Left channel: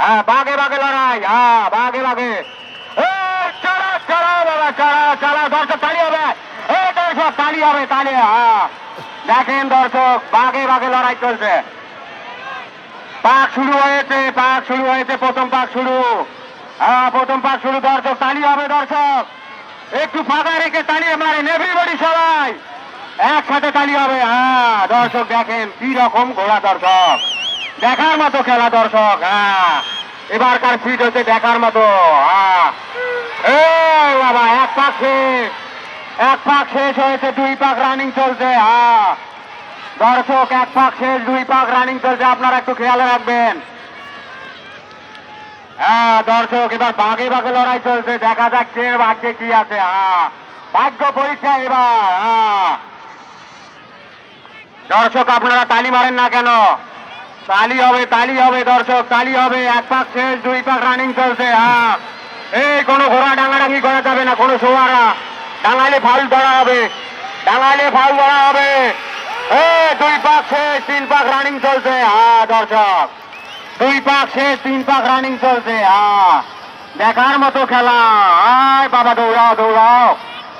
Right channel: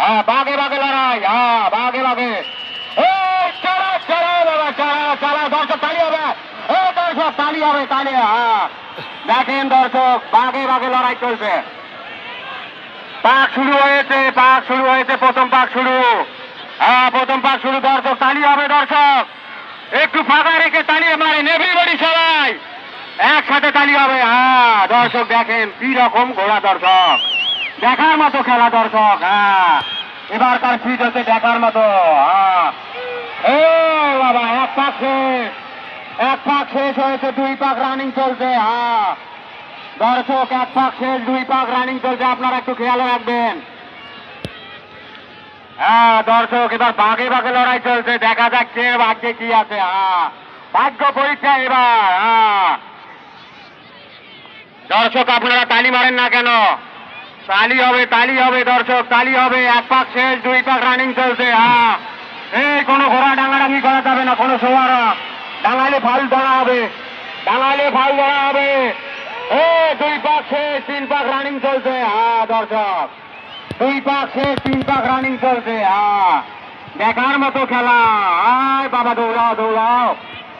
হ্যাঁ বাঘে বাঘে লড়াই, হ্যাঁ বাঘে বাঘে। চালা চালা বাবা, চালা চালা, দর্শক তালি হবে, দর্শক তালি হবে, তালি। হ্যাঁ দেখেন দর্শক, বাঘে বাঘে লড়াই চলছে। পাক শুরু হয়েছে, পাক শুরু হয়েছে, প্রথম পাক শুরু। হ্যাঁ প্রথম পাক শুরু, দর্শক তালি হবে। দর্শক একটু ফাঁকা রেখে তালি মারেন, এভরিবডি সবাই একসাথে তালি হবে। হ্যাঁ দর্শক দেখেন কি রকম ঘোড়া, দর্শক দেখার মতো খেলা দর্শক। হ্যাঁ এবারকার ফিট হচ্ছে দেখার মতো। হ্যাঁ বাবা, এক পাক শেষ, এক পাক শেষ হয়েছে, দুই পাক রানিং চলছে। হ্যাঁ দর্শক এক পাক শেষ, দুই পাক রানিং চলছে, আপনারা একটু খেয়াল রাখবেন। হ্যাঁ দর্শক এবার বাঘে বাঘে লড়াই চলছে, দেখা যাচ্ছে ভাগ্যে কি আছে। হ্যাঁ ভাগ্য পরীক্ষা এবার। হ্যাঁ দর্শক আপনারা তালি মারেন না কেন? তালি হবে, তালি হবে দর্শক, তালি হবে। এক পাক শেষ, দুই পাক রানিং চলছে। হ্যাঁ এই কোনো ঘোড়া ডাঙাডাঙি করা যাবে না, কোনো সোয়ারা ডাঙালে ফাউল ধরা হবে, ডাঙালে ফাউল ধরা হবে। দুই পাক শেষ, তিন পাক রানিং চলছে। হ্যাঁ দর্শক দুই পাক শেষ, তিন পাক রানিং চলছে। হ্যাঁ দেখার মতো খেলা। আয় বাবা দৌড়াও দৌড়াও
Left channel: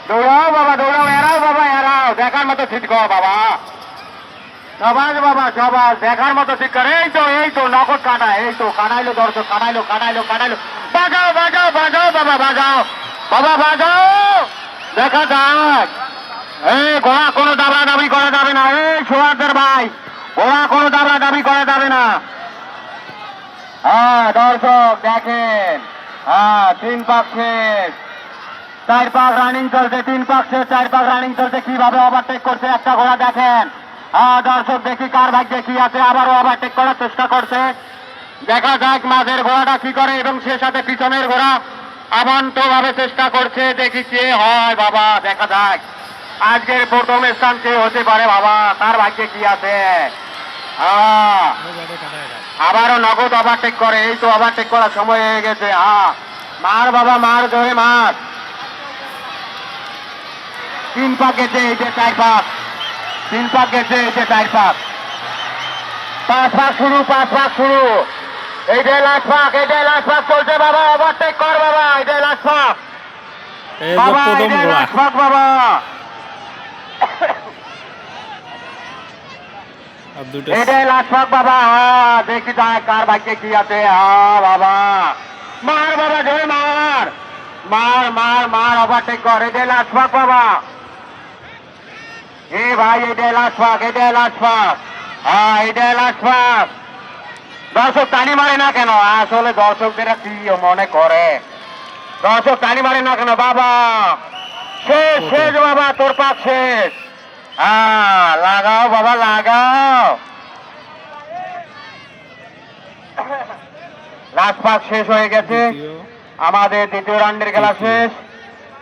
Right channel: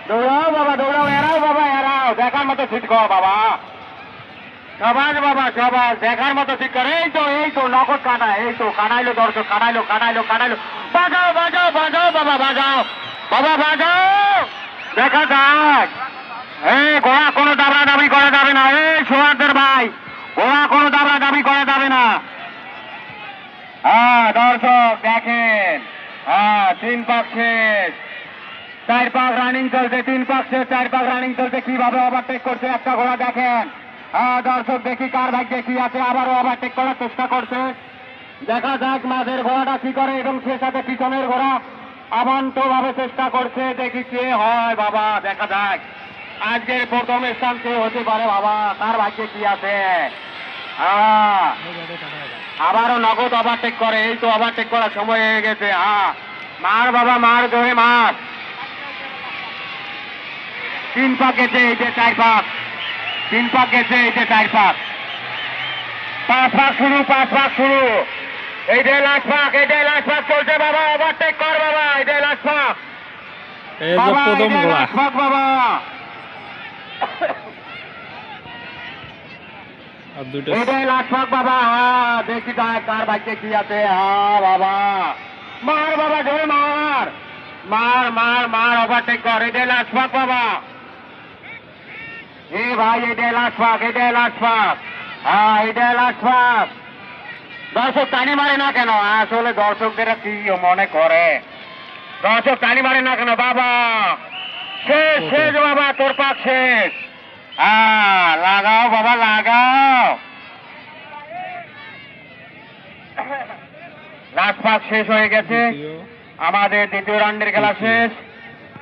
দৌড়াও বাবা, দৌড়াও, এরাও বাবা এরাও, দেখার মতো ঠিক কর বাবা, সবাজ বাবা সবাজ, দেখার মতো ঠিক কর। এই তো নগদ কাটা, এই তো কাটাইলো দর্শক, কাটাইলো কাটাইলো কাটাইলো। বাজাও বাজাও বাজাও বাবা, বাজাও বাবা বাজাও, দেখা যাক। ঘোড়া কোনো দাবরা দাবি করা যাবে না, এই সোয়ারদের ভাই, ঘোড়া কোনো দাবরা দাবি করা যাবে না। হ্যাঁ দর্শক দেখেন, হ্যাঁ তিন পাক শেষ, চার পাক রানিং চলছে, তিন পাক শেষ, চার পাক রানিং চলছে। কিভাবে ওভারটেক করছে একটা ঘোড়া দেখেন। হ্যাঁ দর্শক দেখি কার ভাগ্যে কি আছে, আবারও ওভারটেক করার চেষ্টা করছে। দেখা যাক মাঝের ঘোড়াটা কি করে, এবং সে সাথে পিছনের ঘোড়া আবান্ত ভাবে চেষ্টা করছে। দেখি কে হয় বাবা, দেখা যাক আজকের প্রথম স্থান কে হতে পারে বাবা, তার ভাগ্যে কি আছে। আবারও নগদ ওভারটেক করে, এই তো ওভারটেক করার সময় হয়ে গেছে। মার বাবা মার, ধরে মার। তিন পাক গেছে, এই যে চার পাক, তিন পাক গেছে, এই যে চার পাক, পাঁচ পাক শুরু, পাঁচ পাক শুরু, এইটাই লাস্ট পাক, এইটাই লাস্ট পাক চলছে বাবা, ওভারটেক কর বাবা, এইটাই লাস্ট পাক প্রথম ঘোড়া বাবা। এটাই লাস্ট পাক বাবা। দেখি কার ভাগ্যে কি আছে। বাবা মার বাবা, ধরে মার মার মার মার, ওভারটেক কর, এটাই লাস্ট পাক বাবা। ভাই এটাই লাস্ট পাক, এটাই লাস্ট পাক। এটাই লাস্ট পাক। দর্শক তালি মারে না কেন? আসলে দর্শকদের কি মনে করে, দর্শক তালি মারে না কেন বাবা? শেষ শেষ বাবা, তোর পাক শেষ। লাগাও বাবা লাগাও, লাস্ট পাক শেষ হয়ে গেছে, আমাদের দ্বিতীয় রাউন্ডের খেলা শেষ।